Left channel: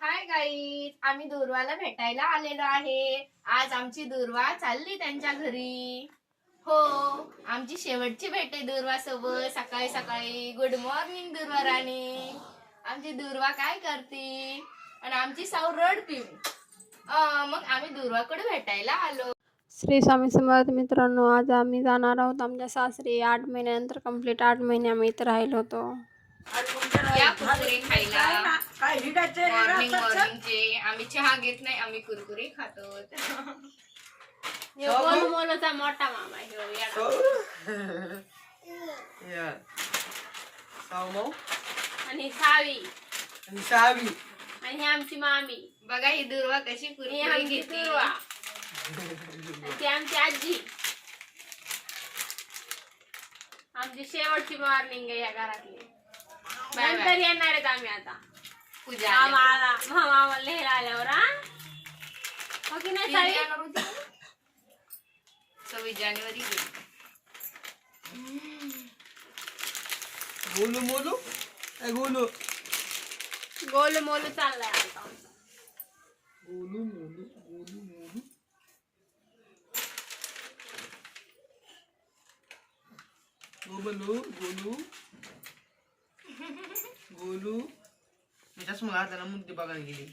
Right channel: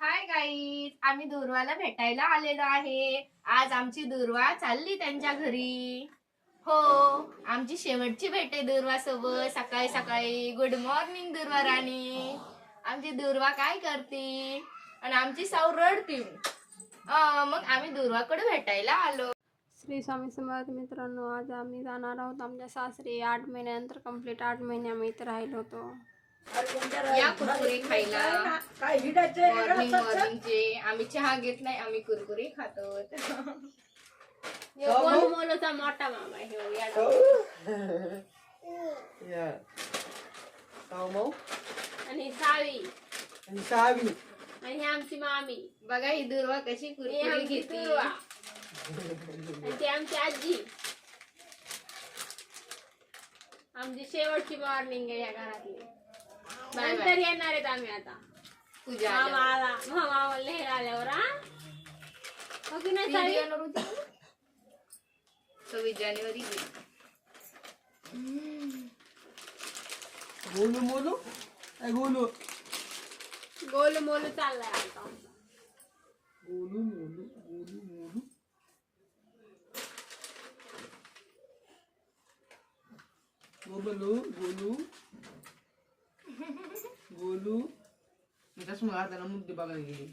Hi guys, आम्ही दुर्वाला भेटायला आलेलो आहे. आज आमची दुर्वा चालली त्यांच्या घरी. हो, आमची शेवटची भेट आहे दुर्वा सोबत. सकाळी सकाळी गुड मॉर्निंग दुर्वा राणी. आमची दुर्वा काय करते आणि आमची साऊ रडती. मग आम्ही दुर्वाकडे भेटायला आलो. श्री स्वामी समर्थ मित्रांनो, आज आम्ही जाणार आहोत आमच्या सासरी. 8 महिन्यानंतर कंप्लीट 8 महिने आम्ही इथं राहिलो होतो. या कुरकुरे खायला. मॉर्निंगचे आम्ही चहा घेत नाही, आम्ही कुरकुरे खातो. मोलोचा मोठा मामा आणि सावी आणि आमची मामी. बघा ही दुर्वा कशी कुरकुरे घेते. ती आमची आजी. आमची शेवटची मॉर्निंग आहे या घरातली. नंतर येणार आहेत आम्ही आता पूजा मामा लिहायला आल्यावर. हो की नाही सावी? 26 जानेवारी गोलू मोलू गोलू गोलू मोलू चाललाय आता. गोलू मोलू गोलू मोलू गोलू गोलू गोलू मी चष्मा घातला मुद्दे बघायला गेली.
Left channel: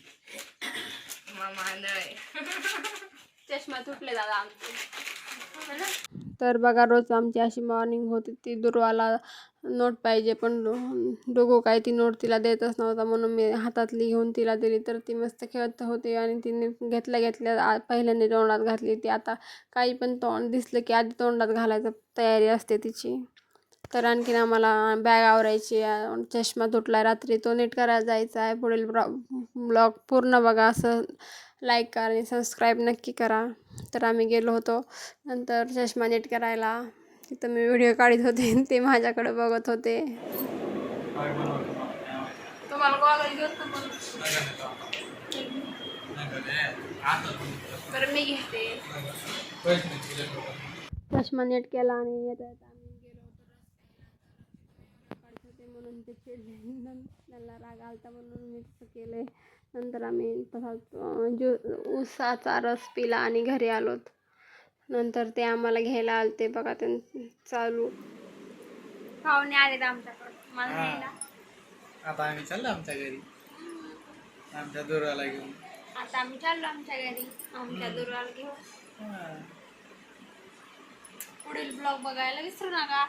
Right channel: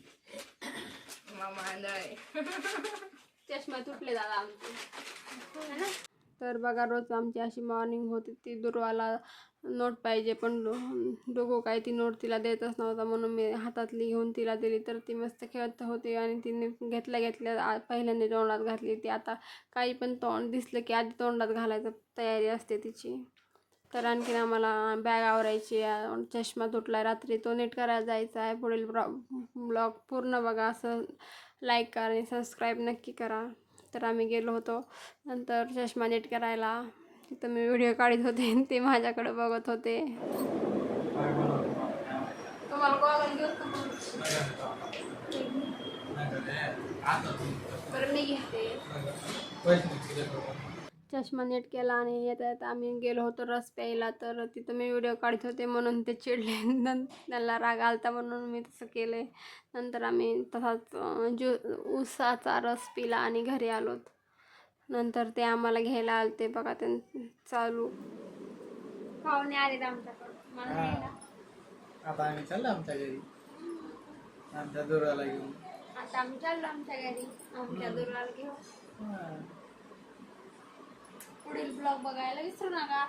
मामा नाही. चष्मा तुटले दादा आमचे. तर बघा, रोज आमची अशी मॉर्निंग होती. ती दुर्वाला नोट पाहिजे, पण डोगो काय ती नोट तिला देतच नव्हता, म्हणून मी हातातली घेऊन तिला दिली. तर ती मस्त खेळत होती आणि तिने घेतल्या पहिल्यांदा तोंडात घातली. ती आता काही पण तोंड दिसलं की आधी तोंडात घालायचं तयारी असते तिची. तर आणखीन आम्हाला बॅग आवरायची. चष्मा तुटला रात्री, तो नीट करायला जायचा आहे. पुढील ब्लॉग पूर्ण बघा. असं लाईक करा आणि सबस्क्राईब नक्की करा. तर आम्ही गेलो होतो नंतर चष्मा नीट करायला. तिथं मी व्हिडिओ काढत होते, ते माझ्याकडे बघत होते. तुम्हाला गॉगल घेऊन बरं मी घेते. चष्मा नीट केला आणि येता येता आम्ही गेलो होतो रस प्यायला. तर तिथं मी व्हिडिओ काढत होते म्हणून ते चिडले. त्यांना राग आलता म्हणून मी तसं केलं. नंतर आम्ही तसाच ऊसाचा रस पिला आणि घरी आलोत. नंतर ते आम्हाला घ्यायला आलते. बघा ते चालू पाहुणे आलेत आमच्याकडं मला घ्यायला. आता आम्ही चाललो आमच्या घरी आमच्या दुर्वाला घेऊन. आता आम्ही चाललो आमच्या घरी आमच्या दुर्वाला घेऊन. पुढील ब्लॉग बघायला विसरू नका.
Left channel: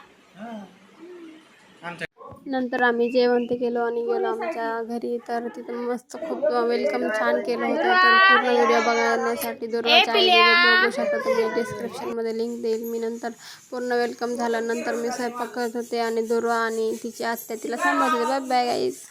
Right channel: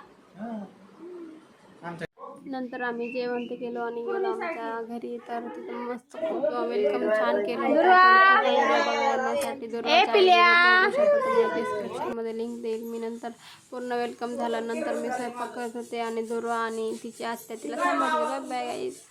नंतर आम्ही जेवण ते केलो आणि गेलो आमच्या घरी. तर तिथं मस्त खूप वेलकम छान केलं होतं. तर पूर्ण व्हिडिओ बघण्यासाठी दुर्वाच्या बघू शकता तुम्ही. डिस्क्रिप्शनमध्ये लिंक देईल मी. नंतर पूर्ण वेलकम झाल्यानंतर मी स्वयंपाक करत होते आणि दुर्वा आणि तिची आत्या तिला सांभाळत होते. Bye bye guys.